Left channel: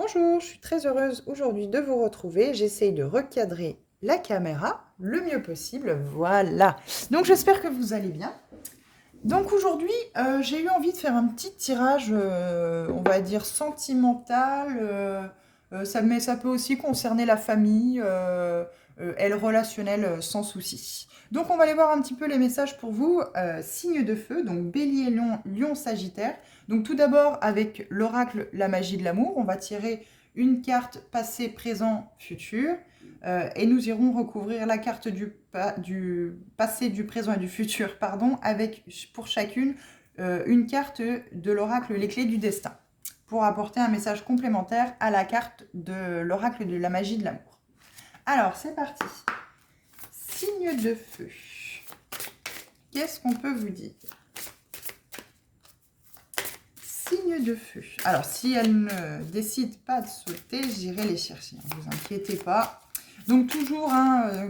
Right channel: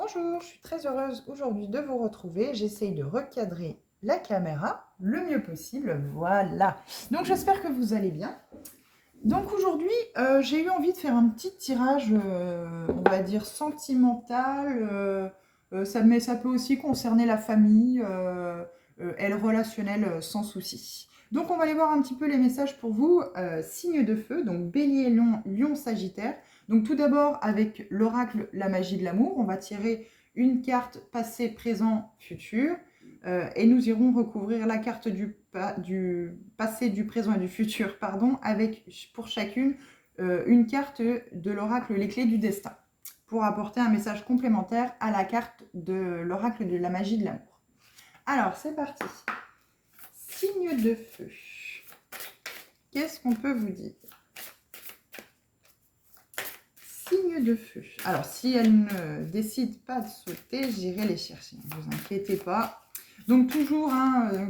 Bonjour, je suis très heureuse aujourd'hui de vous retrouver. J'essaye de recadrer la caméra le mieux possible. Voilà. Donc j'espère que vous allez bien. Donc aujourd'hui, j'ai eu envie de faire un petit tirage, on va dire sentimental. Mais ça peut aussi concerner la famille et le relationnel sans souci. Donc on va aller voir un petit peu les messages pour vous. Signe de feu, donc bélier, lion, lion, sagittaire. Donc tout d'abord avec l'oracle La magie de l'amour, on va tirer une carte passé, présent, futur. Et nous irons recouvrir la carte du passé, du présent et du futur, pardon, avec pour chacune une carte de l'oracle Les clés du destin, pour apporter un message complémentaire à la carte de l'oracle de la magie de l'amour. Alors, c'est parti. Signe de feu. Qu'est-ce qu'on peut vous dire? Signe de feu. Alors, si elle ne décide pas de sauter, j'irai les chercher. Ne vous inquiétez pas. Donc toujours,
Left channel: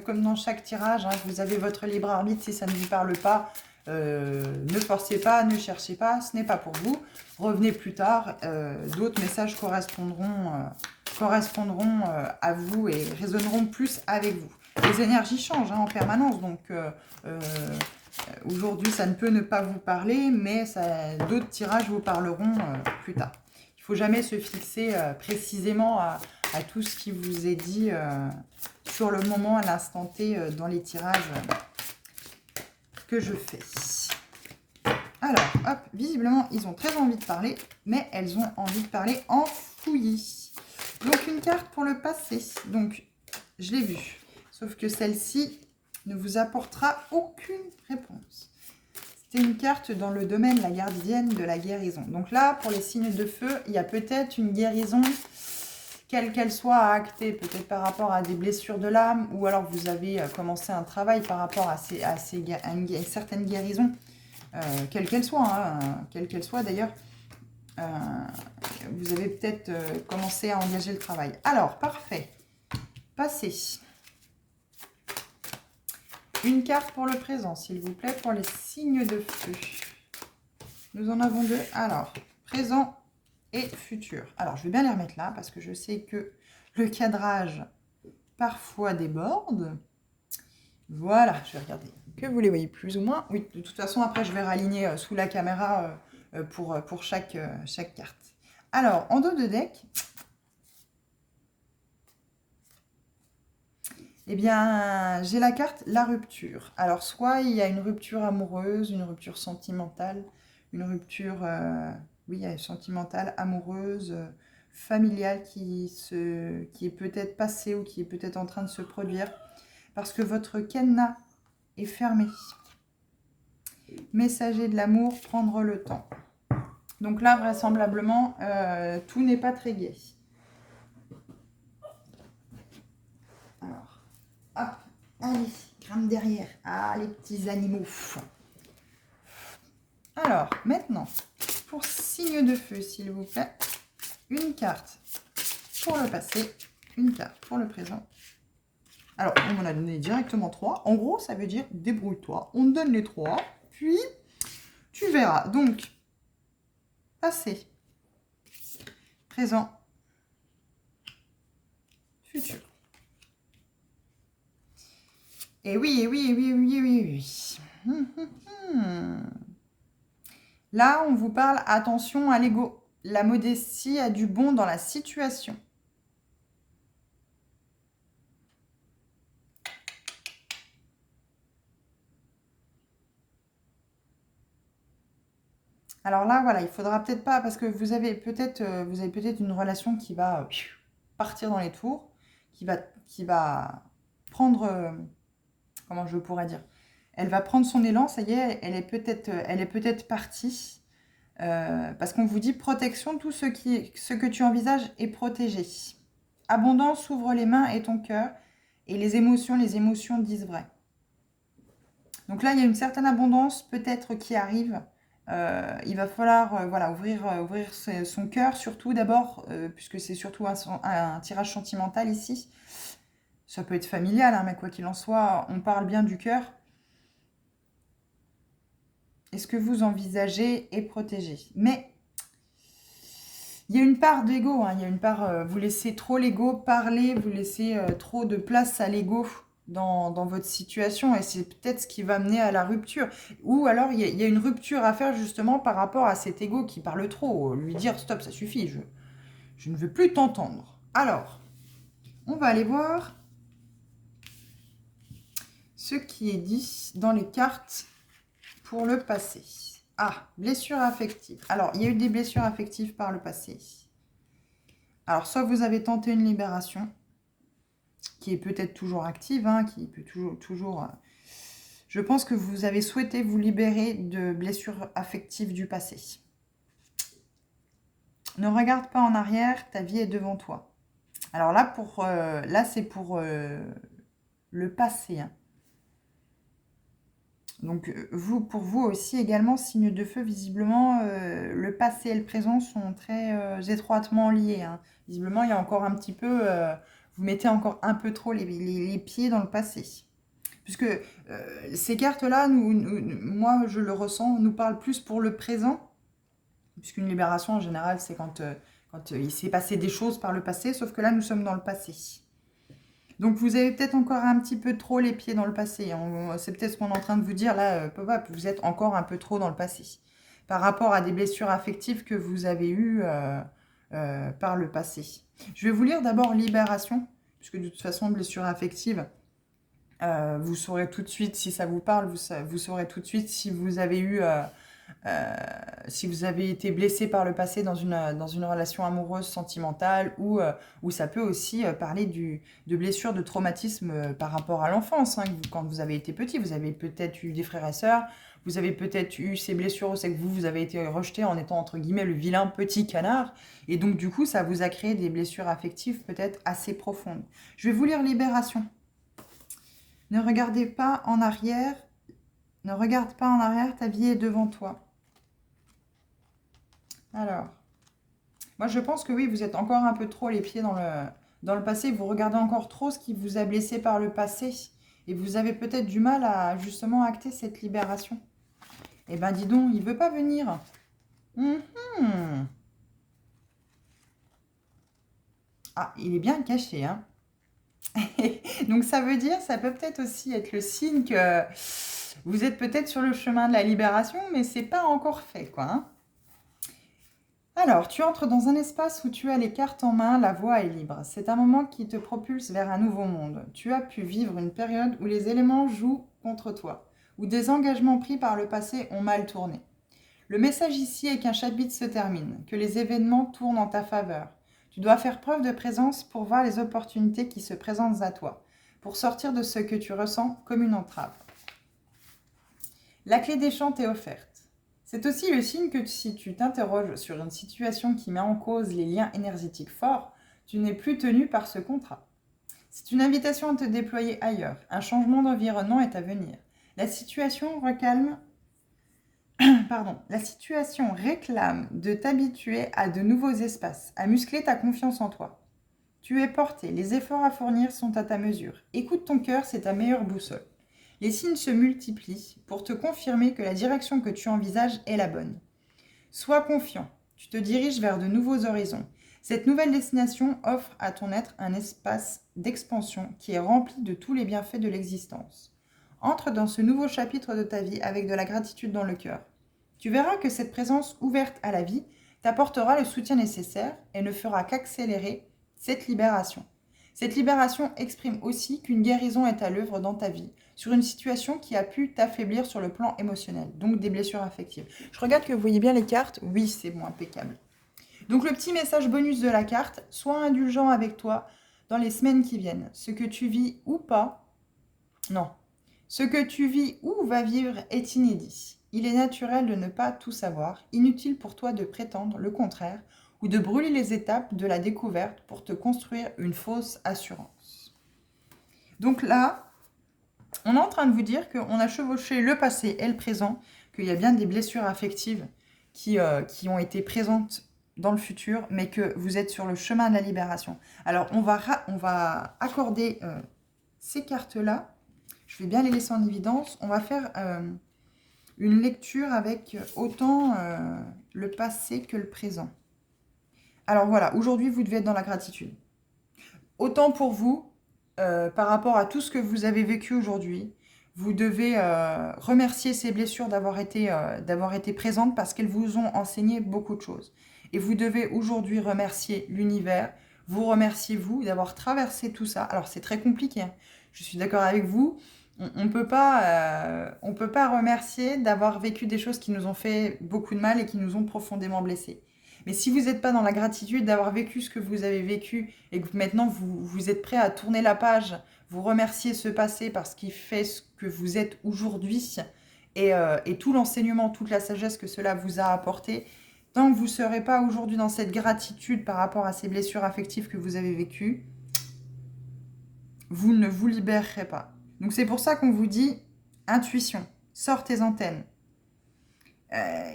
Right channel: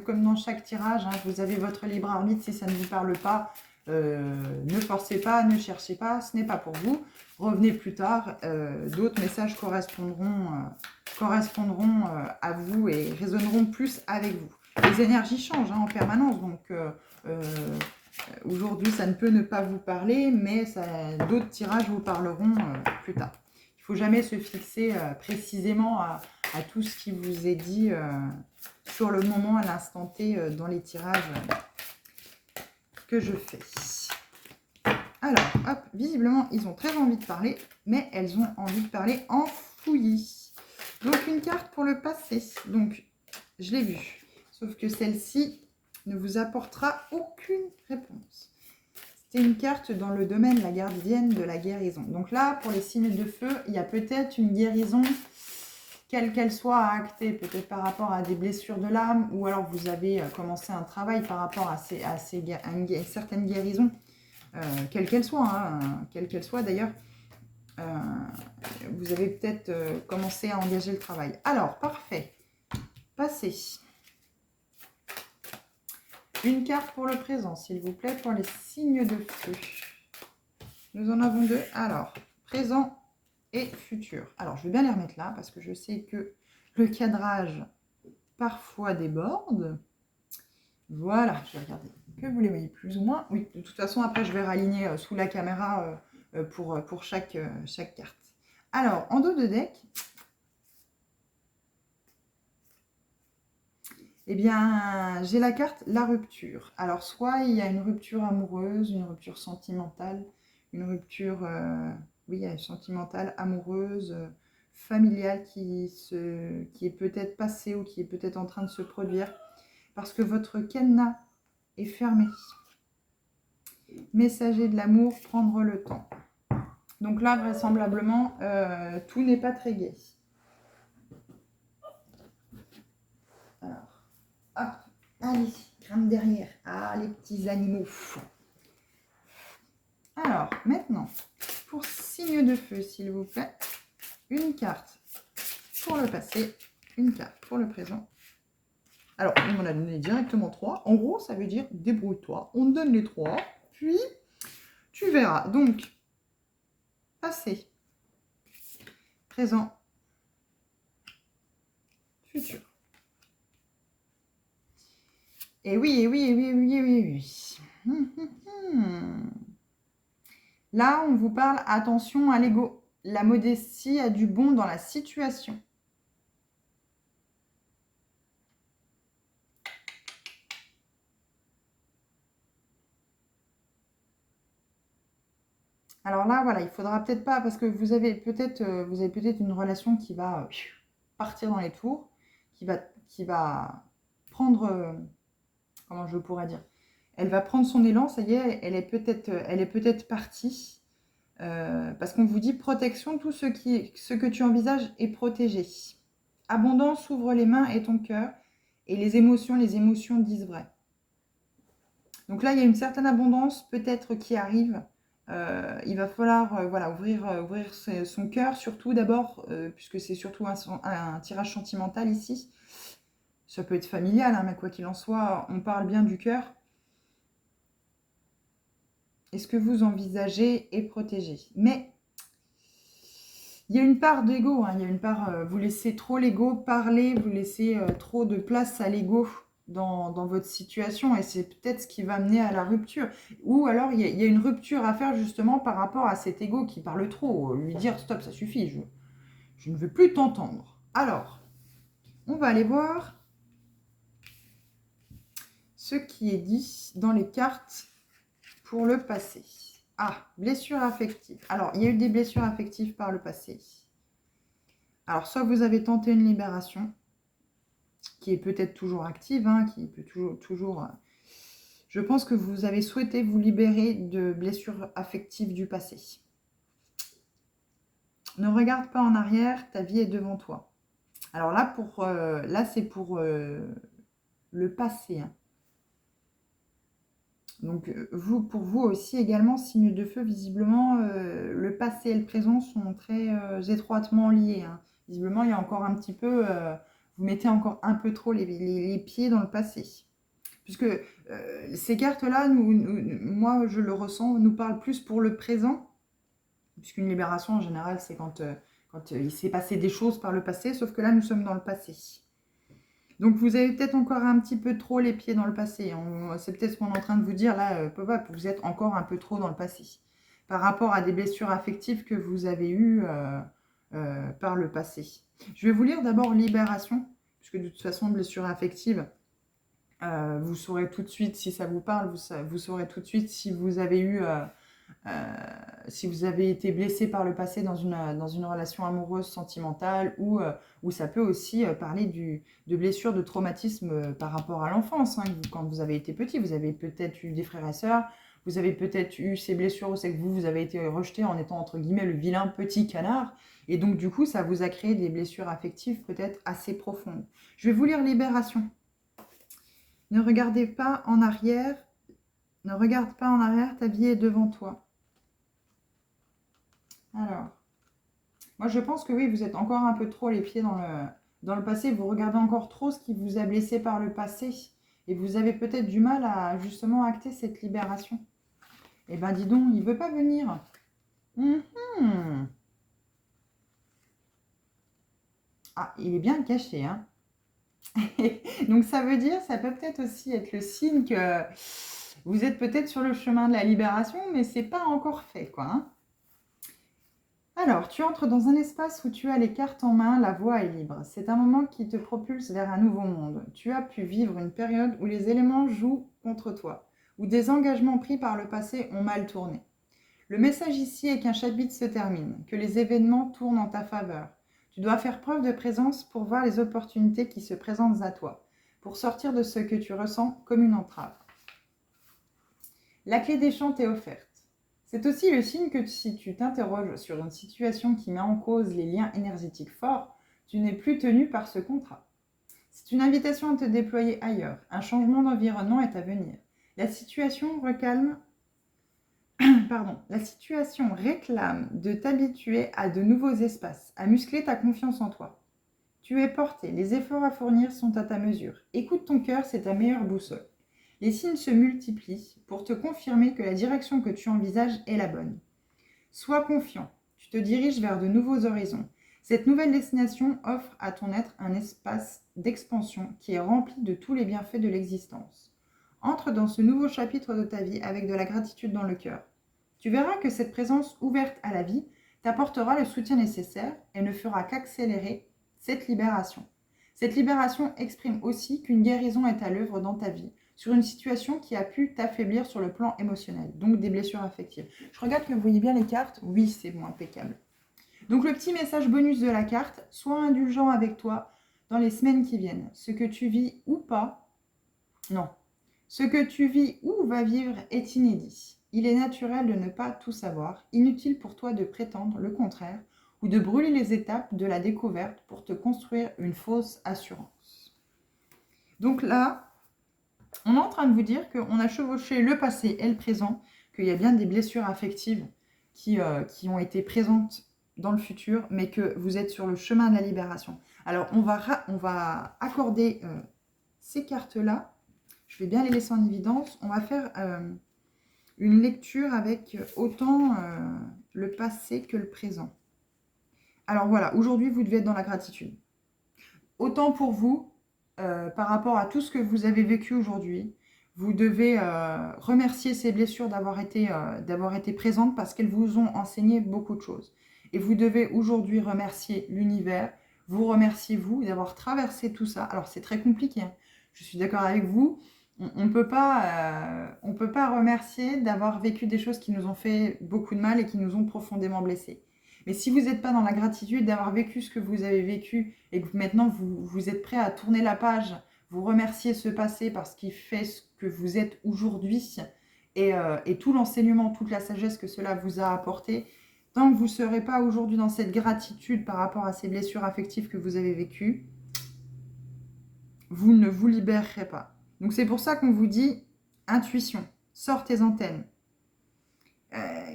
comme dans chaque tirage, vous avez votre libre arbitre. Si ça ne vous parle pas, ne forcez pas, ne cherchez pas, ce n'est pas pour vous. Revenez plus tard, d'autres messages correspondront à vous et résonneront plus avec vous. Les énergies changent en permanence, donc aujourd'hui ça ne peut ne pas vous parler, mais d'autres tirages vous parleront plus tard. Il ne faut jamais se fixer précisément à tout ce qui vous est dit sur le moment, à l'instant T, dans les tirages que je fais. Alors, hop, visiblement, ils ont très envie de parler, mais elles ont envie de parler en fouillis. Donc, une carte pour le passé. Donc, je l'ai vue. Sauf que celle-ci ne vous apportera aucune réponse. C'était une carte dans le domaine, la gardienne de la guérison. Donc là, pour les signes de feu, il y a peut-être une guérison, quelle qu'elle soit, à acter, peut-être par rapport à des blessures de l'âme, ou alors vous avez commencé un travail par rapport à une certaine guérison, quelle qu'elle soit d'ailleurs. Vous avez peut-être commencé à engager le travail. Alors, parfait. Passez. Une carte pour le présent, s'il vous plaît, pour les signes de feu. Nous en avons deux. Alors, présent et futur. Alors, je vais bien les remettre là, parce que je sais que le cadrage, parfois, déborde. Voilà, je vais regarder que vous les voyez plus ou moins. Oui, de toute façon, après, je vais raligner sous la caméra pour chaque carte. Alors, en dos de deck, eh bien, j'ai la carte la rupture. Alors, soit il y a une rupture amoureuse, une rupture sentimentale, une rupture, oui, sentimentale, amoureuse, familiale qui est peut-être passée ou qui est peut-être en train de se produire parce que votre cadenas est fermé. Messager de l'amour, prendre le temps. Donc là, vraisemblablement, tout n'est pas très gai. Alors, hop, allez, grimpe derrière. Ah, les petits animaux. Alors, maintenant, pour signe de feu, s'il vous plaît, une carte pour le passé, une carte pour le présent. Alors, on m'en a donné directement 3. En gros, ça veut dire débrouille-toi. On te donne les 3, puis tu verras. Donc, passé, présent, futur. Et oui, et oui, et oui, et oui, et oui, et oui. Là, on vous parle, attention à l'ego. La modestie a du bon dans la situation. Alors là, voilà, il faudra peut-être pas, parce que vous avez peut-être une relation qui va partir dans les tours, qui va prendre, comment je pourrais dire, elle va prendre son élan, ça y est, elle est peut-être partie, parce qu'on vous dit protection, tout ce que tu envisages est protégé. Abondance, ouvre les mains et ton cœur, et les émotions disent vrai. Donc là, il y a une certaine abondance peut-être qui arrive. Il va falloir voilà, ouvrir son cœur, surtout d'abord, puisque c'est surtout un tirage sentimental ici. Ça peut être familial, mais quoi qu'il en soit, on parle bien du cœur. Et ce que vous envisagez est protégé. Mais Il y a une part d'ego, hein, il y a une part, vous laissez trop l'ego parler, vous laissez trop de place à l'ego dans votre situation et c'est peut-être ce qui va mener à la rupture. Ou alors il y a une rupture à faire justement par rapport à cet ego qui parle trop, lui dire stop, ça suffit, je ne veux plus t'entendre. Alors, on va aller voir ce qui est dit dans les cartes pour le passé. Ah, blessure affective. Alors, il y a eu des blessures affectives par le passé. Alors, soit vous avez tenté une libération, qui est peut-être toujours active, hein, qui peut toujours... Je pense que vous avez souhaité vous libérer de blessures affectives du passé. Ne regarde pas en arrière, ta vie est devant toi. Alors là, là c'est pour le passé. Hein. Donc, pour vous aussi également, signe de feu, visiblement, le passé et le présent sont très étroitement liés. Hein. Visiblement, il y a encore un petit peu, vous mettez encore un peu trop les pieds dans le passé. Puisque ces cartes-là, moi je le ressens, nous parlent plus pour le présent. Puisqu'une libération, en général, c'est quand il s'est passé des choses par le passé, sauf que là, nous sommes dans le passé. Donc vous avez peut-être encore un petit peu trop les pieds dans le passé. C'est peut-être ce qu'on est en train de vous dire là, vous êtes encore un peu trop dans le passé. Par rapport à des blessures affectives que vous avez eues par le passé. Je vais vous lire d'abord Libération, puisque de toute façon, blessure affective, vous saurez tout de suite si ça vous parle, vous saurez tout de suite si vous avez eu... si vous avez été blessé par le passé dans une relation amoureuse, sentimentale, ou ça peut aussi parler de blessures, de traumatisme par rapport à l'enfance. Hein, quand vous avez été petit, vous avez peut-être eu des frères et sœurs, vous avez peut-être eu ces blessures, c'est que vous avez été rejeté en étant entre guillemets le vilain petit canard, et donc du coup ça vous a créé des blessures affectives peut-être assez profondes. Je vais vous lire Libération. Ne regardez pas en arrière. Ne regarde pas en arrière, ta vie est devant toi. Alors, moi je pense que oui, vous êtes encore un peu trop les pieds dans le passé. Vous regardez encore trop ce qui vous a blessé par le passé. Et vous avez peut-être du mal à justement acter cette libération. Eh ben dis donc, il ne veut pas venir. Ah, il est bien caché, hein. Donc ça veut dire, ça peut peut-être aussi être le signe que vous êtes peut-être sur le chemin de la libération, mais c'est pas encore fait, quoi. Hein. Alors, tu entres dans un espace où tu as les cartes en main, la voie est libre. C'est un moment qui te propulse vers un nouveau monde. Tu as pu vivre une période où les éléments jouent contre toi, où des engagements pris par le passé ont mal tourné. Le message ici est qu'un chapitre se termine, que les événements tournent en ta faveur. Tu dois faire preuve de présence pour voir les opportunités qui se présentent à toi, pour sortir de ce que tu ressens comme une entrave. La clé des champs t'est offerte. C'est aussi le signe que si tu t'interroges sur une situation qui met en cause les liens énergétiques forts, tu n'es plus tenu par ce contrat. C'est une invitation à te déployer ailleurs. Un changement d'environnement est à venir. La situation réclame de t'habituer à de nouveaux espaces, à muscler ta confiance en toi. Tu es porté, les efforts à fournir sont à ta mesure. Écoute ton cœur, c'est ta meilleure boussole. Les signes se multiplient pour te confirmer que la direction que tu envisages est la bonne. Sois confiant, tu te diriges vers de nouveaux horizons. Cette nouvelle destination offre à ton être un espace d'expansion qui est rempli de tous les bienfaits de l'existence. Entre dans ce nouveau chapitre de ta vie avec de la gratitude dans le cœur. Tu verras que cette présence ouverte à la vie t'apportera le soutien nécessaire et ne fera qu'accélérer cette libération. Cette libération exprime aussi qu'une guérison est à l'œuvre dans ta vie, sur une situation qui a pu t'affaiblir sur le plan émotionnel, donc des blessures affectives. Je regarde que vous voyez bien les cartes. Oui, c'est bon, impeccable. Donc le petit message bonus de la carte, sois indulgent avec toi dans les semaines qui viennent. Ce que tu vis ou pas, non. Ce que tu vis ou vas vivre est inédit. Il est naturel de ne pas tout savoir, inutile pour toi de prétendre le contraire ou de brûler les étapes de la découverte pour te construire une fausse assurance. Donc là, on est en train de vous dire qu'on a chevauché le passé et le présent, qu'il y a bien des blessures affectives qui ont été présentes dans le futur, mais que vous êtes sur le chemin de la libération. Alors, on va accorder ces cartes-là. Je vais bien les laisser en évidence. On va faire une lecture avec autant le passé que le présent. Alors voilà, aujourd'hui, vous devez être dans la gratitude. Autant pour vous, par rapport à tout ce que vous avez vécu aujourd'hui, vous devez remercier ces blessures d'avoir été présentes parce qu'elles vous ont enseigné beaucoup de choses. Et vous devez aujourd'hui remercier l'univers, vous remercier vous d'avoir traversé tout ça. Alors c'est très compliqué, hein. Je suis d'accord avec vous. On ne peut pas remercier d'avoir vécu des choses qui nous ont fait beaucoup de mal et qui nous ont profondément blessés. Mais si vous n'êtes pas dans la gratitude d'avoir vécu ce que vous avez vécu et que maintenant vous êtes prêt à tourner la page, vous remercier ce passé parce qu'il fait ce que vous êtes aujourd'hui et tout l'enseignement, toute la sagesse que cela vous a apporté, tant que vous ne serez pas aujourd'hui dans cette gratitude par rapport à ces blessures affectives que vous avez vécues, vous ne vous libérerez pas. Donc c'est pour ça qu'on vous dit intuition, sors tes antennes.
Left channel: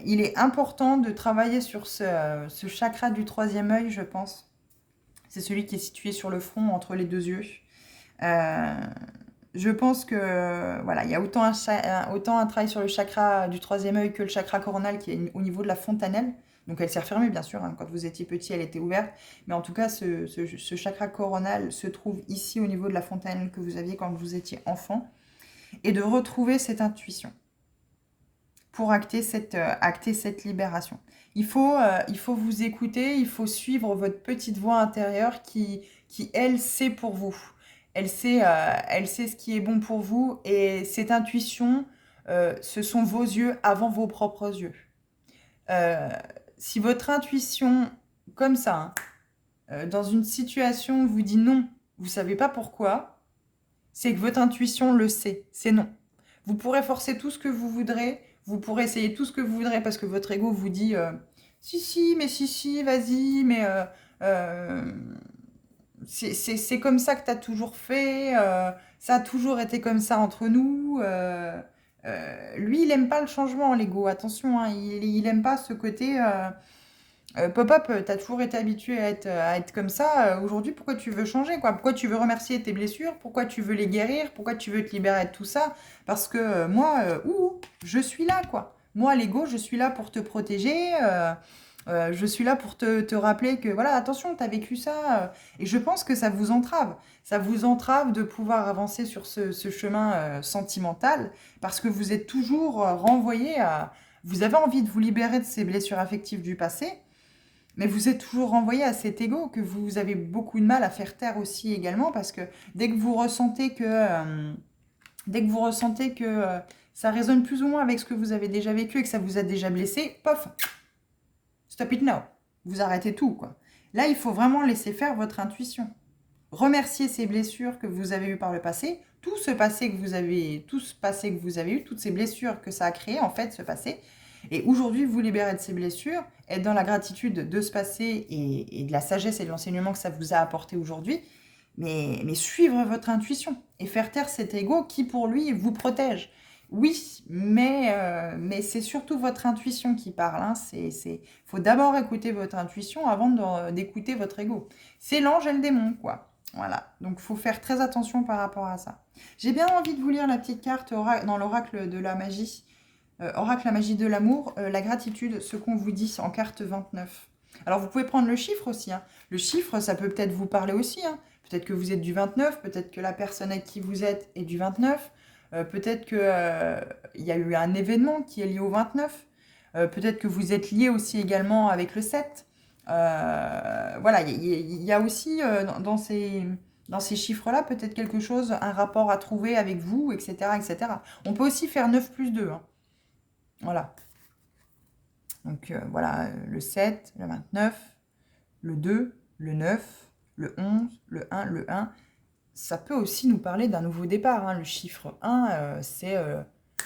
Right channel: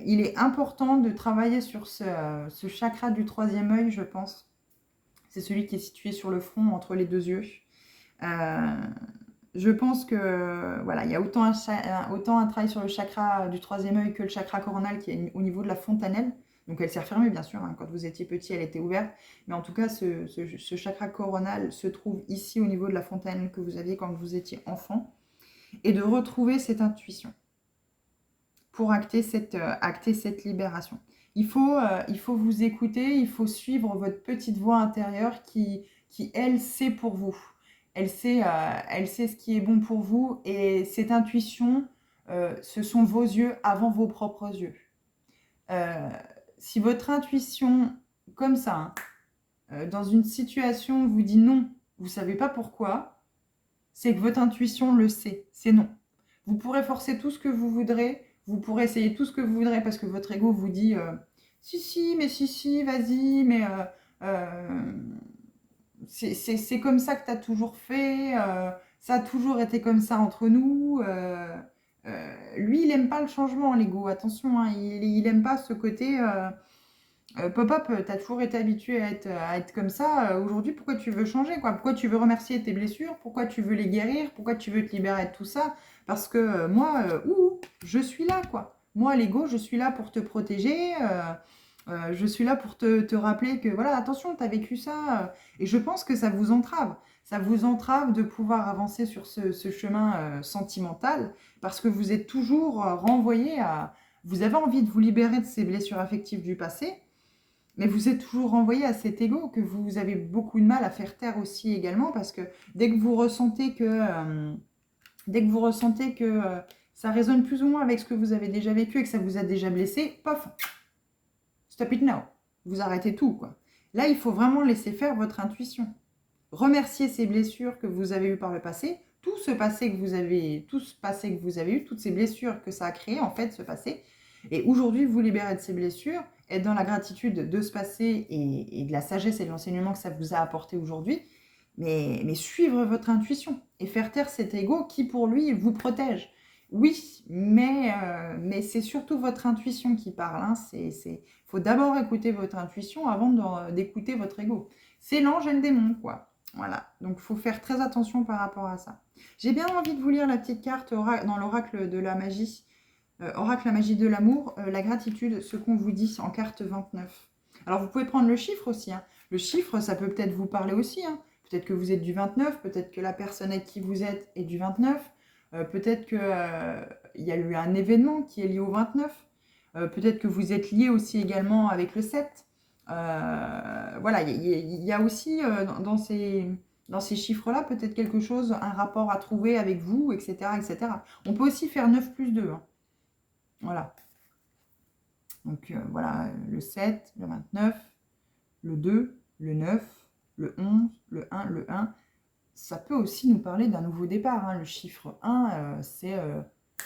Il est important de travailler sur ce chakra du troisième œil, je pense. C'est celui qui est situé sur le front, entre les deux yeux. Je pense que voilà, il y a autant un travail sur le chakra du troisième œil que le chakra coronal qui est au niveau de la fontanelle. Donc elle s'est refermée, bien sûr, hein. Quand vous étiez petit, elle était ouverte. Mais en tout cas, ce chakra coronal se trouve ici au niveau de la fontanelle que vous aviez quand vous étiez enfant. Et de retrouver cette intuition pour acter cette libération. Il faut vous écouter, il faut suivre votre petite voix intérieure qui elle, sait pour vous. Elle sait ce qui est bon pour vous. Et cette intuition, ce sont vos yeux avant vos propres yeux. Si votre intuition, comme ça, hein, dans une situation, vous dit non, vous ne savez pas pourquoi, c'est que votre intuition le sait, c'est non. Vous pourrez forcer tout ce que vous voudrez, vous pourrez essayer tout ce que vous voudrez parce que votre ego vous dit si, vas-y, mais c'est comme ça que tu as toujours fait, ça a toujours été comme ça entre nous. Lui, il n'aime pas le changement, l'ego, attention, hein, il n'aime pas ce côté pop-up, tu as toujours été habitué à être comme ça. Aujourd'hui, pourquoi tu veux changer, quoi? Pourquoi tu veux remercier tes blessures? Pourquoi tu veux les guérir? Pourquoi tu veux te libérer de tout ça? Parce que moi, je suis là, quoi. Moi, l'ego, je suis là pour te protéger. Je suis là pour te rappeler que, voilà, attention, tu as vécu ça. Et je pense que ça vous entrave. Ça vous entrave de pouvoir avancer sur ce chemin sentimental parce que vous êtes toujours renvoyé à... Vous avez envie de vous libérer de ces blessures affectives du passé, mais vous êtes toujours renvoyé à cet ego que vous avez beaucoup de mal à faire taire aussi également parce que dès que vous ressentez que, ça résonne plus ou moins avec ce que vous avez déjà vécu et que ça vous a déjà blessé, pof, stop it now. Vous arrêtez tout, quoi. Là, il faut vraiment laisser faire votre intuition. Remercier ces blessures que vous avez eues par le passé, tout ce passé que vous avez eu, toutes ces blessures que ça a créé, en fait, ce passé. Et aujourd'hui, vous libérer de ces blessures, être dans la gratitude de ce passé et de la sagesse et de l'enseignement que ça vous a apporté aujourd'hui, mais suivre votre intuition et faire taire cet ego qui, pour lui, vous protège. Oui, mais c'est surtout votre intuition qui parle, hein. Faut d'abord écouter votre intuition avant d'écouter votre ego. C'est l'ange et le démon, quoi. Voilà, donc il faut faire très attention par rapport à ça. J'ai bien envie de vous lire la petite carte dans l'oracle de la magie. Oracle, la magie de l'amour, la gratitude, ce qu'on vous dit en carte 29. Alors vous pouvez prendre le chiffre aussi, hein. Le chiffre, ça peut peut-être vous parler aussi, hein. Peut-être que vous êtes du 29, peut-être que la personne avec qui vous êtes est du 29, peut-être qu'il y a eu un événement qui est lié au 29, peut-être que vous êtes lié aussi également avec le 7. Voilà, il y a aussi dans ces chiffres-là peut-être quelque chose, un rapport à trouver avec vous, etc., etc. On peut aussi faire 9 plus 2, hein. Voilà. Donc voilà, le 7, le 29, le 2, le 9, le 11, le 1, le 1. Ça peut aussi nous parler d'un nouveau départ, hein. Le chiffre 1, c'est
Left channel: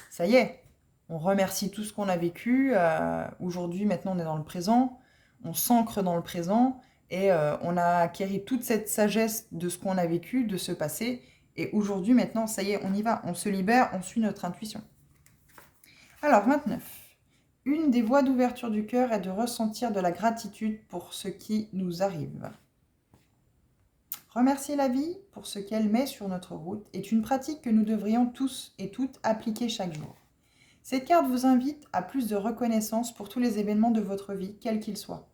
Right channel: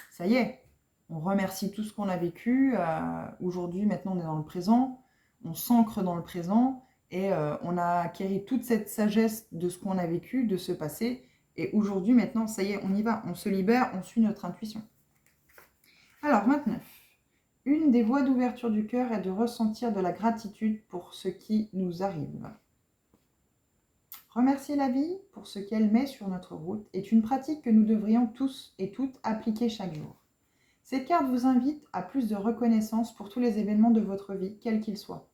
ça y est, on remercie tout ce qu'on a vécu. Aujourd'hui, maintenant, on est dans le présent, on s'ancre dans le présent et on a acquis toute cette sagesse de ce qu'on a vécu, de ce passé. Et aujourd'hui, maintenant, ça y est, on y va, on se libère, on suit notre intuition. Alors, 29. Une des voies d'ouverture du cœur est de ressentir de la gratitude pour ce qui nous arrive. Remercier la vie pour ce qu'elle met sur notre route est une pratique que nous devrions tous et toutes appliquer chaque jour. Cette carte vous invite à plus de reconnaissance pour tous les événements de votre vie, quels qu'ils soient.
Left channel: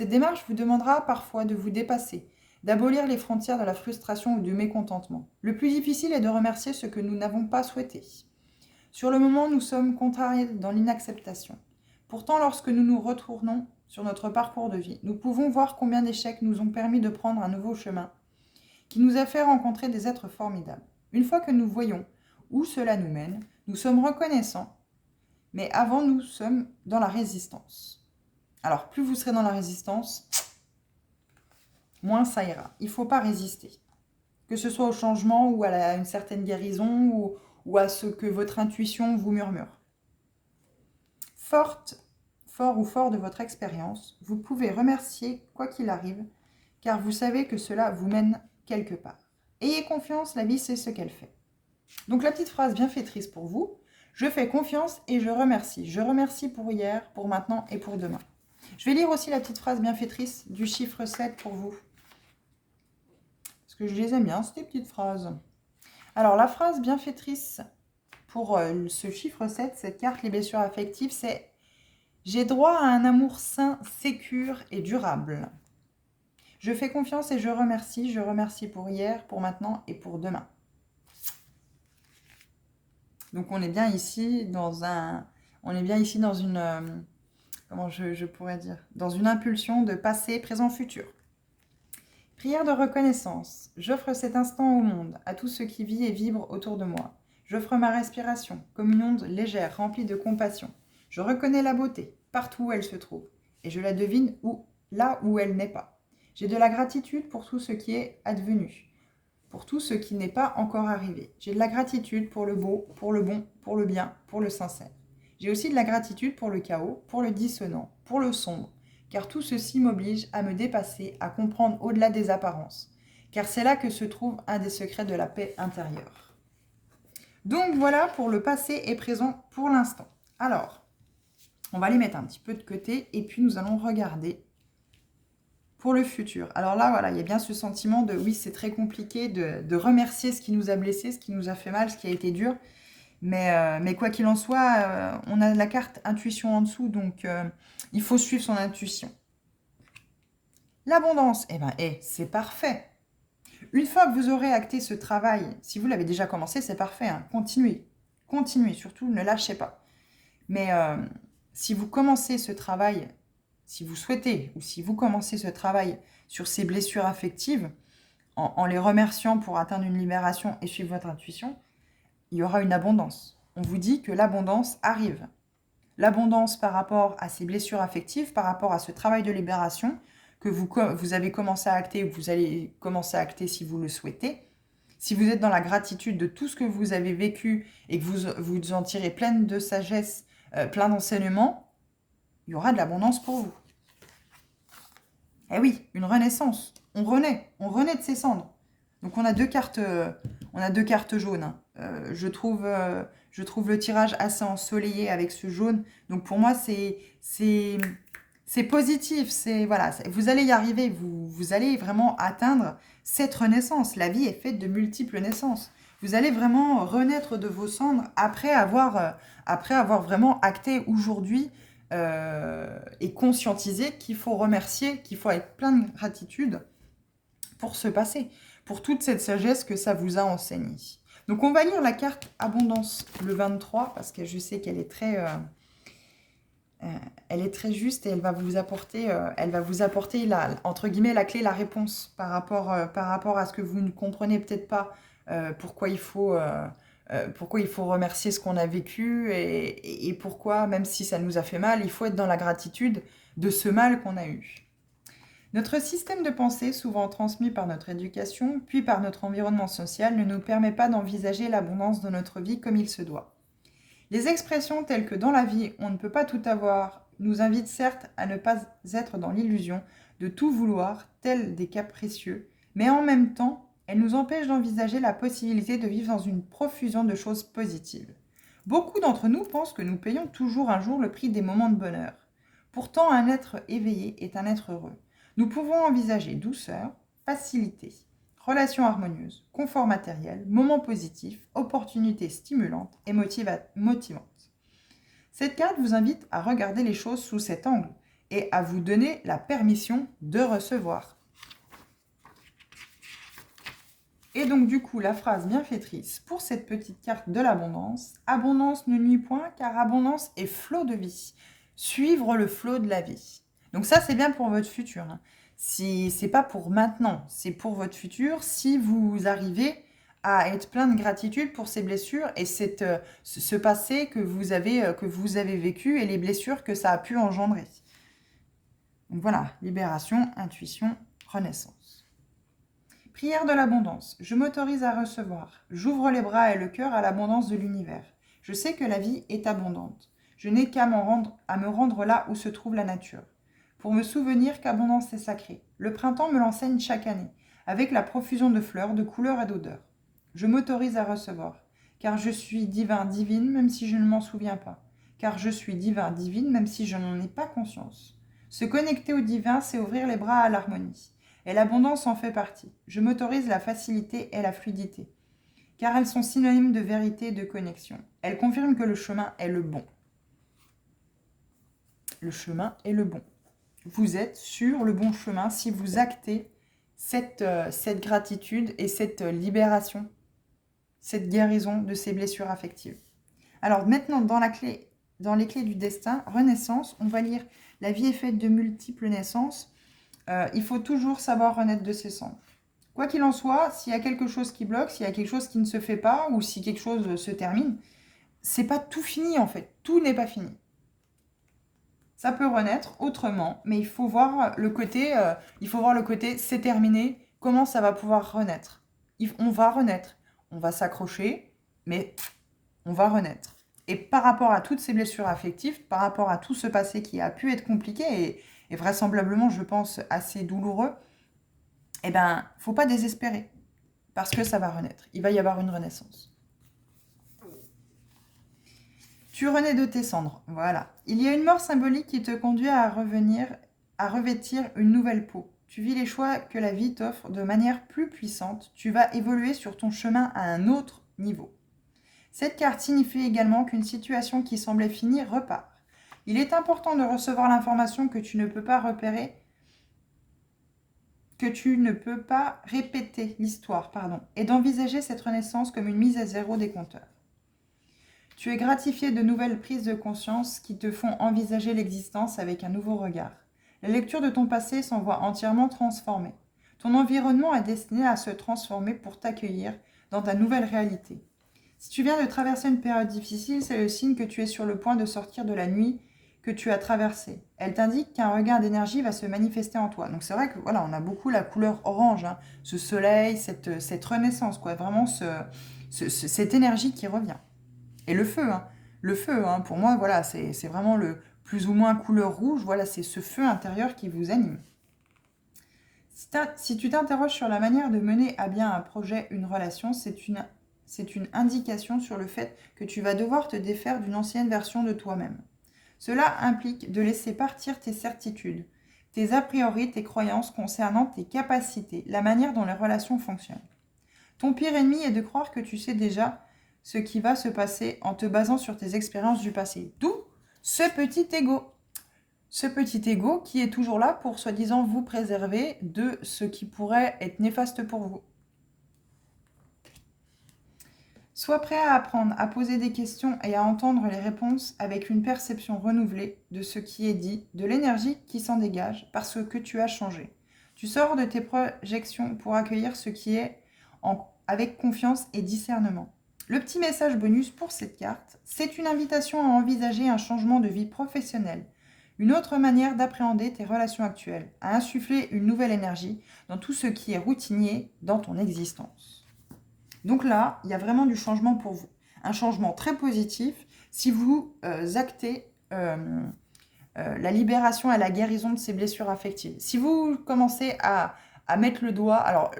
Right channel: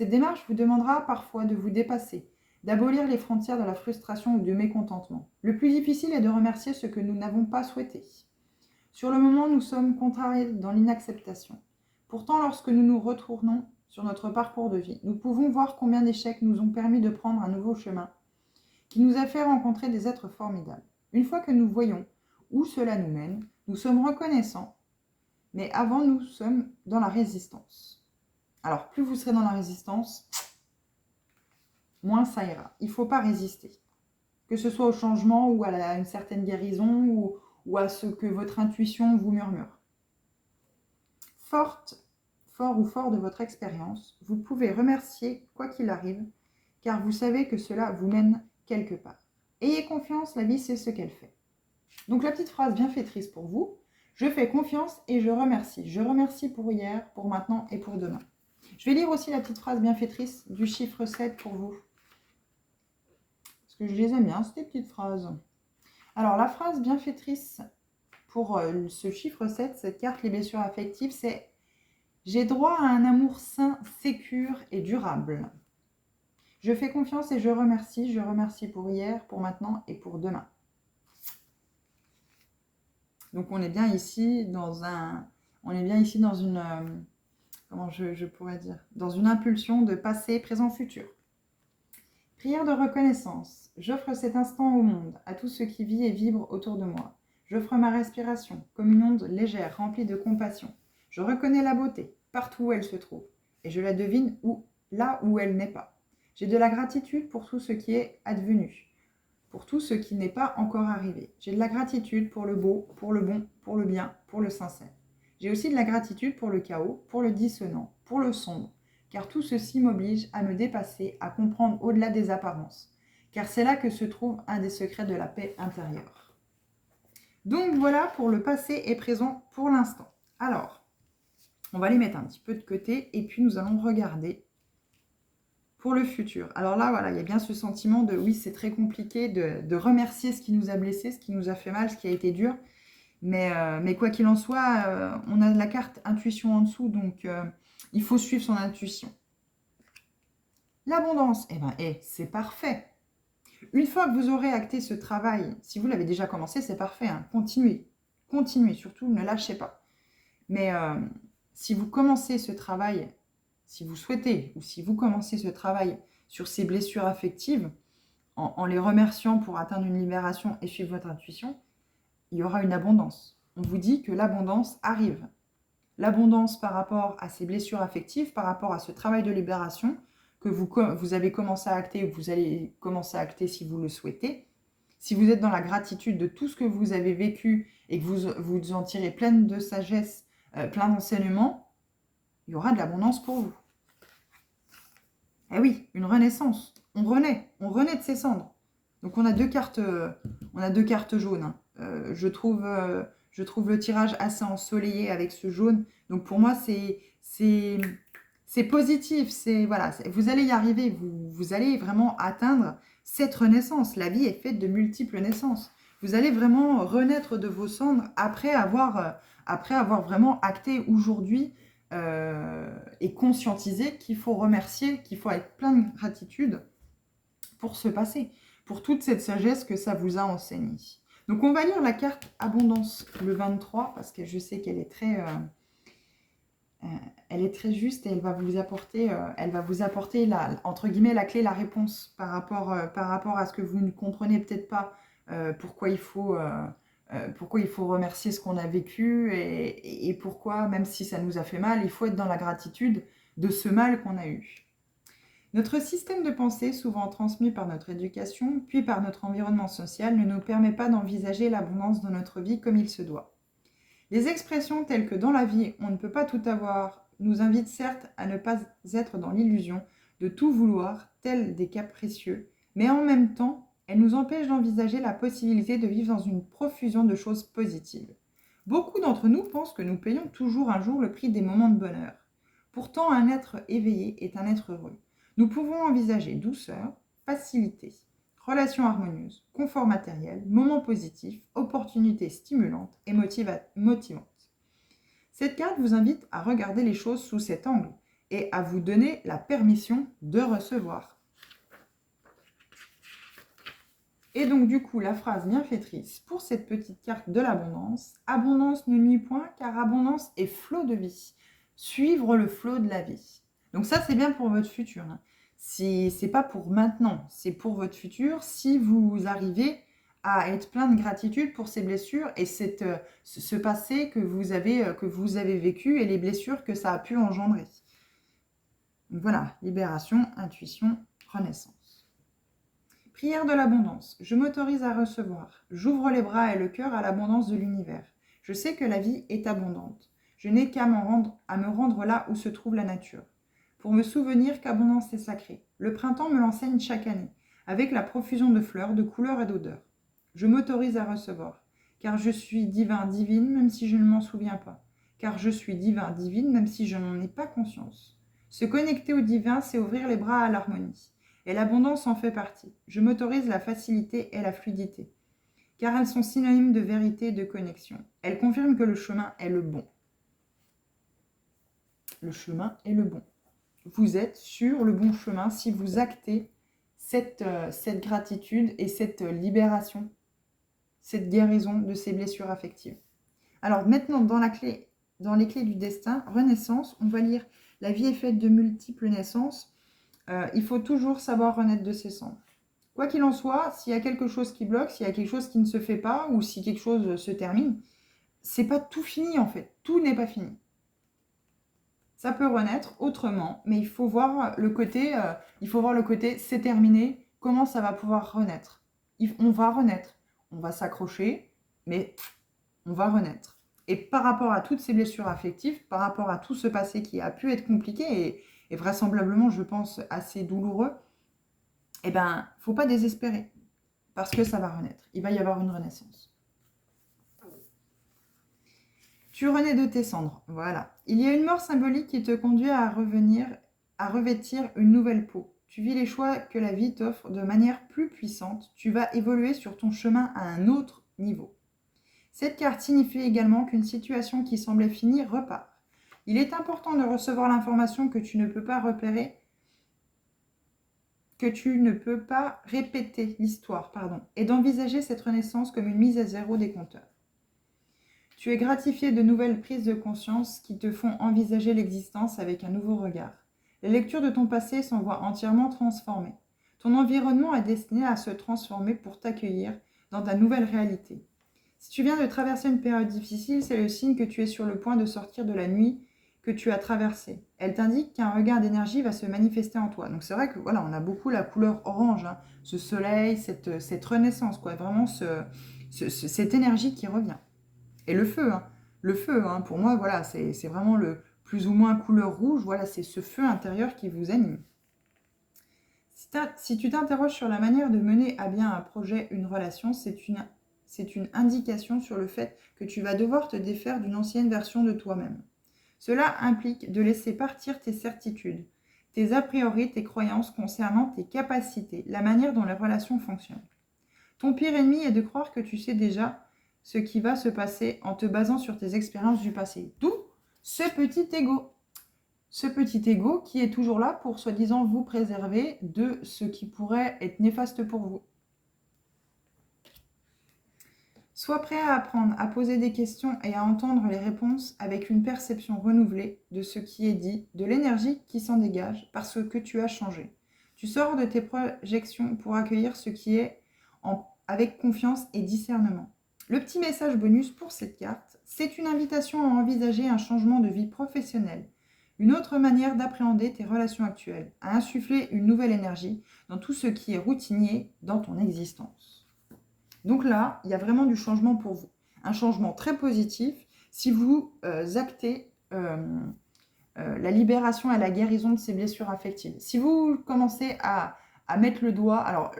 Cette démarche vous demandera parfois de vous dépasser, d'abolir les frontières de la frustration ou du mécontentement. Le plus difficile est de remercier ce que nous n'avons pas souhaité. Sur le moment, nous sommes contrariés dans l'inacceptation. Pourtant, lorsque nous nous retournons sur notre parcours de vie, nous pouvons voir combien d'échecs nous ont permis de prendre un nouveau chemin qui nous a fait rencontrer des êtres formidables. Une fois que nous voyons où cela nous mène, nous sommes reconnaissants, mais avant, nous sommes dans la résistance. Alors, plus vous serez dans la résistance, moins ça ira. Il ne faut pas résister. Que ce soit au changement ou à une certaine guérison ou à ce que votre intuition vous murmure. Fort de votre expérience, vous pouvez remercier quoi qu'il arrive, car vous savez que cela vous mène quelque part. Ayez confiance, la vie sait ce qu'elle fait. Donc la petite phrase bienfaitrice pour vous, je fais confiance et je remercie. Je remercie pour hier, pour maintenant et pour demain. Je vais lire aussi la petite phrase bienfaitrice du chiffre 7 pour vous. Parce que je les aime bien, ces petites phrases. Alors la phrase bienfaitrice pour ce chiffre 7, cette carte, les blessures affectives, c'est « J'ai droit à un amour sain, sécure et durable. Je fais confiance et je remercie pour hier, pour maintenant et pour demain. » Donc on est bien ici dans une, comment je pourrais dire, dans une impulsion de passé, présent, futur. Prière de reconnaissance. J'offre cet instant au monde, à tout ce qui vit et vibre autour de moi. J'offre ma respiration, comme une onde légère, remplie de compassion. Je reconnais la beauté, partout où elle se trouve, et je la devine là où elle n'est pas. J'ai de la gratitude pour tout ce qui est advenu, pour tout ce qui n'est pas encore arrivé. J'ai de la gratitude pour le beau, pour le bon, pour le bien, pour le sincère. J'ai aussi de la gratitude pour le chaos, pour le dissonant, pour le sombre, car tout ceci m'oblige à me dépasser, à comprendre au-delà des apparences, car c'est là que se trouve un des secrets de la paix intérieure. Donc voilà pour le passé et présent pour l'instant. Alors, on va les mettre un petit peu de côté et puis nous allons regarder pour le futur. Alors là, voilà, il y a bien ce sentiment de oui, c'est très compliqué de remercier ce qui nous a blessés, ce qui nous a fait mal, ce qui a été dur. Mais quoi qu'il en soit, on a la carte intuition en dessous, donc il faut suivre son intuition. L'abondance, c'est parfait. Une fois que vous aurez acté ce travail, si vous l'avez déjà commencé, c'est parfait. Hein. Continuez, surtout ne lâchez pas. Mais si vous commencez ce travail, si vous souhaitez ou si vous commencez ce travail sur ces blessures affectives, en les remerciant pour atteindre une libération et suivre votre intuition, il y aura une abondance. On vous dit que l'abondance arrive. L'abondance par rapport à ces blessures affectives, par rapport à ce travail de libération que vous avez commencé à acter ou que vous allez commencer à acter si vous le souhaitez. Si vous êtes dans la gratitude de tout ce que vous avez vécu et que vous en tirez pleine de sagesse, plein d'enseignements, il y aura de l'abondance pour vous. Eh oui, une renaissance. On renaît de ses cendres. Donc on a deux cartes jaunes. Hein. Je trouve le tirage assez ensoleillé avec ce jaune. Donc pour moi, c'est positif. Voilà, vous allez y arriver. Vous allez vraiment atteindre cette renaissance. La vie est faite de multiples naissances. Vous allez vraiment renaître de vos cendres après avoir vraiment acté aujourd'hui et conscientisé qu'il faut remercier, qu'il faut être plein de gratitude pour ce passé, pour toute cette sagesse que ça vous a enseigné. Donc on va lire la carte Abondance le 23 parce que je sais qu'elle est très juste et elle va vous apporter entre guillemets la clé, la réponse par rapport à ce que vous ne comprenez peut-être pas, pourquoi il faut remercier ce qu'on a vécu et pourquoi, même si ça nous a fait mal, il faut être dans la gratitude de ce mal qu'on a eu. Notre système de pensée, souvent transmis par notre éducation, puis par notre environnement social, ne nous permet pas d'envisager l'abondance de notre vie comme il se doit. Les expressions telles que « dans la vie, on ne peut pas tout avoir » nous invitent certes à ne pas être dans l'illusion de tout vouloir, tels des capricieux, mais en même temps, elles nous empêchent d'envisager la possibilité de vivre dans une profusion de choses positives. Beaucoup d'entre nous pensent que nous payons toujours un jour le prix des moments de bonheur. Pourtant, un être éveillé est un être heureux. Nous pouvons envisager douceur, facilité, relations harmonieuses, confort matériel, moments positifs, opportunités stimulantes et motivantes. Cette carte vous invite à regarder les choses sous cet angle et à vous donner la permission de recevoir. Et donc du coup, la phrase bienfaitrice pour cette petite carte de l'abondance: abondance ne nuit point, car abondance est flot de vie. Suivre le flot de la vie. Donc ça, c'est bien pour votre futur. Si c'est pas pour maintenant, c'est pour votre futur. Si vous arrivez à être plein de gratitude pour ces blessures et ce passé que vous avez vécu et les blessures que ça a pu engendrer. Donc voilà, libération, intuition, renaissance. Prière de l'abondance. Je m'autorise à recevoir. J'ouvre les bras et le cœur à l'abondance de l'univers. Je sais que la vie est abondante. Je n'ai qu'à me rendre là où se trouve la nature, pour me souvenir qu'abondance est sacrée. Le printemps me l'enseigne chaque année, avec la profusion de fleurs, de couleurs et d'odeurs. Je m'autorise à recevoir, car je suis divin, divine, même si je ne m'en souviens pas. Car je suis divin, divine, même si je n'en ai pas conscience. Se connecter au divin, c'est ouvrir les bras à l'harmonie. Et l'abondance en fait partie. Je m'autorise la facilité et la fluidité, car elles sont synonymes de vérité et de connexion. Elles confirment que le chemin est le bon. Le chemin est le bon. Vous êtes sur le bon chemin si vous actez cette gratitude et cette libération, cette guérison de ces blessures affectives. Alors maintenant, dans les clés du destin, renaissance, on va lire « La vie est faite de multiples naissances ». Il faut toujours savoir renaître de ses cendres. Quoi qu'il en soit, s'il y a quelque chose qui bloque, s'il y a quelque chose qui ne se fait pas, ou si quelque chose se termine, c'est pas tout fini en fait. Tout n'est pas fini. Ça peut renaître autrement, mais il faut voir le côté, c'est terminé, comment ça va pouvoir renaître. On va renaître, on va s'accrocher, mais on va renaître. Et par rapport à toutes ces blessures affectives, par rapport à tout ce passé qui a pu être compliqué et vraisemblablement, je pense, assez douloureux, eh ben, faut pas désespérer, parce que ça va renaître. Il va y avoir une renaissance. Tu renais de tes cendres, voilà. Il y a une mort symbolique qui te conduit à revêtir une nouvelle peau. Tu vis les choix que la vie t'offre de manière plus puissante. Tu vas évoluer sur ton chemin à un autre niveau. Cette carte signifie également qu'une situation qui semblait finie repart. Il est important de recevoir l'information que tu ne peux pas repérer, que tu ne peux pas répéter l'histoire, et d'envisager cette renaissance comme une mise à zéro des compteurs. Tu es gratifié de nouvelles prises de conscience qui te font envisager l'existence avec un nouveau regard. La lecture de ton passé s'en voit entièrement transformée. Ton environnement est destiné à se transformer pour t'accueillir dans ta nouvelle réalité. Si tu viens de traverser une période difficile, c'est le signe que tu es sur le point de sortir de la nuit que tu as traversée. Elle t'indique qu'un regain d'énergie va se manifester en toi. Donc c'est vrai que voilà, on a beaucoup la couleur orange, ce soleil, cette renaissance, vraiment cette énergie qui revient. Et le feu, pour moi, voilà, c'est vraiment le plus ou moins couleur rouge. Voilà, c'est ce feu intérieur qui vous anime. Si tu t'interroges sur la manière de mener à bien un projet, une relation, c'est une indication sur le fait que tu vas devoir te défaire d'une ancienne version de toi-même. Cela implique de laisser partir tes certitudes, tes a priori, tes croyances concernant tes capacités, la manière dont les relations fonctionnent. Ton pire ennemi est de croire que tu sais déjà ce qui va se passer en te basant sur tes expériences du passé. D'où ce petit ego. Ce petit ego qui est toujours là pour soi-disant vous préserver de ce qui pourrait être néfaste pour vous. Sois prêt à apprendre, à poser des questions et à entendre les réponses avec une perception renouvelée de ce qui est dit, de l'énergie qui s'en dégage parce que tu as changé. Tu sors de tes projections pour accueillir ce qui est avec confiance et discernement. Le petit message bonus pour cette carte, c'est une invitation à envisager un changement de vie professionnelle, une autre manière d'appréhender tes relations actuelles, à insuffler une nouvelle énergie dans tout ce qui est routinier dans ton existence. Donc là, il y a vraiment du changement pour vous. Un changement très positif si vous actez la libération et la guérison de ces blessures affectives. Si vous commencez à mettre le doigt, alors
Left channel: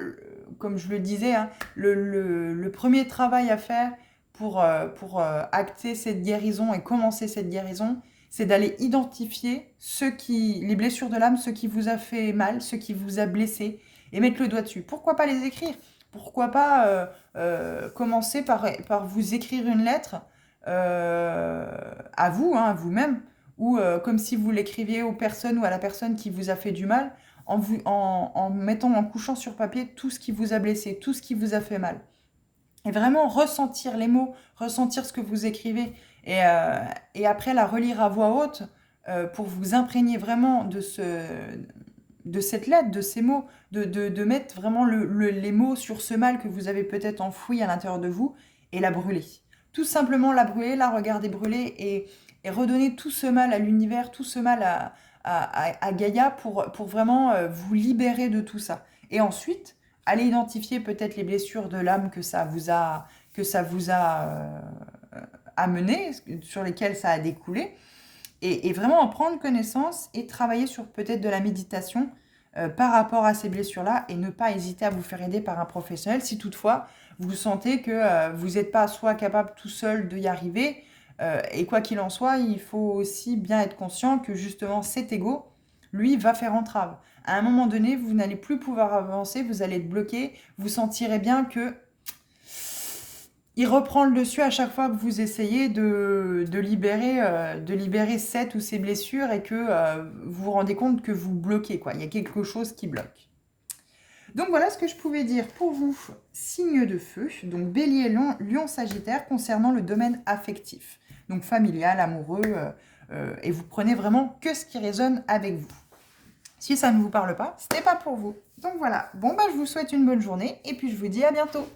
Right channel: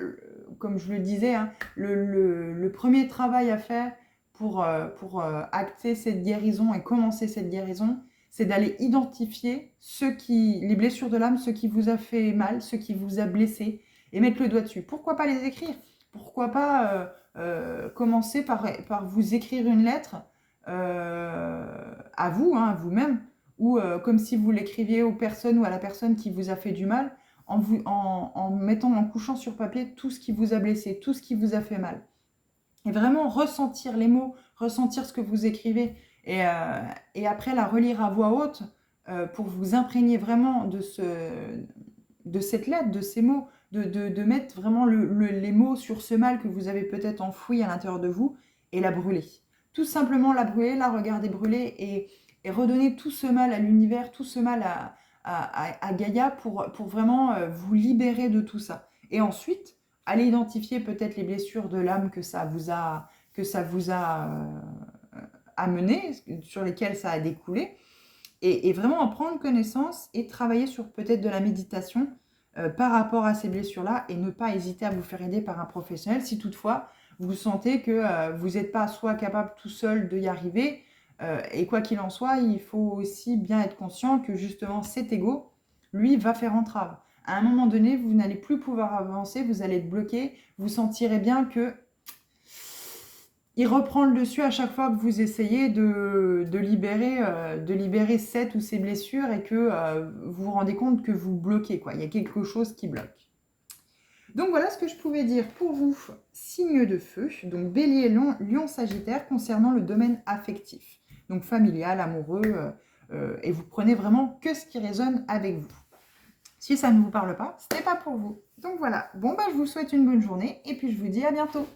comme je le disais, le premier travail à faire pour acter cette guérison et commencer cette guérison, c'est d'aller identifier les blessures de l'âme, ce qui vous a fait mal, ce qui vous a blessé, et mettre le doigt dessus. Pourquoi pas les écrire? Pourquoi pas commencer par vous écrire une lettre à vous, à vous-même, ou comme si vous l'écriviez aux personnes ou à la personne qui vous a fait du mal, en mettant, en couchant sur papier tout ce qui vous a blessé, tout ce qui vous a fait mal. Et vraiment ressentir les mots, ressentir ce que vous écrivez, et après la relire à voix haute pour vous imprégner vraiment de cette lettre, de ces mots, de mettre vraiment les mots sur ce mal que vous avez peut-être enfoui à l'intérieur de vous et la brûler. Tout simplement la brûler, la regarder brûler et redonner tout ce mal à l'univers, tout ce mal à Gaïa pour vraiment vous libérer de tout ça. Et ensuite, allez identifier peut-être les blessures de l'âme que ça vous a amené, sur lesquelles ça a découlé, et vraiment en prendre connaissance et travailler sur peut-être de la méditation par rapport à ces blessures-là, et ne pas hésiter à vous faire aider par un professionnel si toutefois vous sentez que vous n'êtes pas soit capable tout seul d'y arriver, et quoi qu'il en soit, il faut aussi bien être conscient que justement cet ego, lui, va faire entrave. À un moment donné, vous n'allez plus pouvoir avancer, vous allez être bloqué, vous sentirez bien que il reprend le dessus à chaque fois que vous essayez de libérer cette ou ces blessures, et que vous vous rendez compte que vous bloquez, quoi. Il y a quelque chose qui bloque. Donc voilà ce que je pouvais dire pour vous, signe de feu, donc Bélier, Lion, Sagittaire, concernant le domaine affectif, donc familial, amoureux, et vous prenez vraiment que ce qui résonne avec vous. Si ça ne vous parle pas, ce n'est pas pour vous. Donc voilà, bon bah je vous souhaite une bonne journée, et puis je vous dis à bientôt.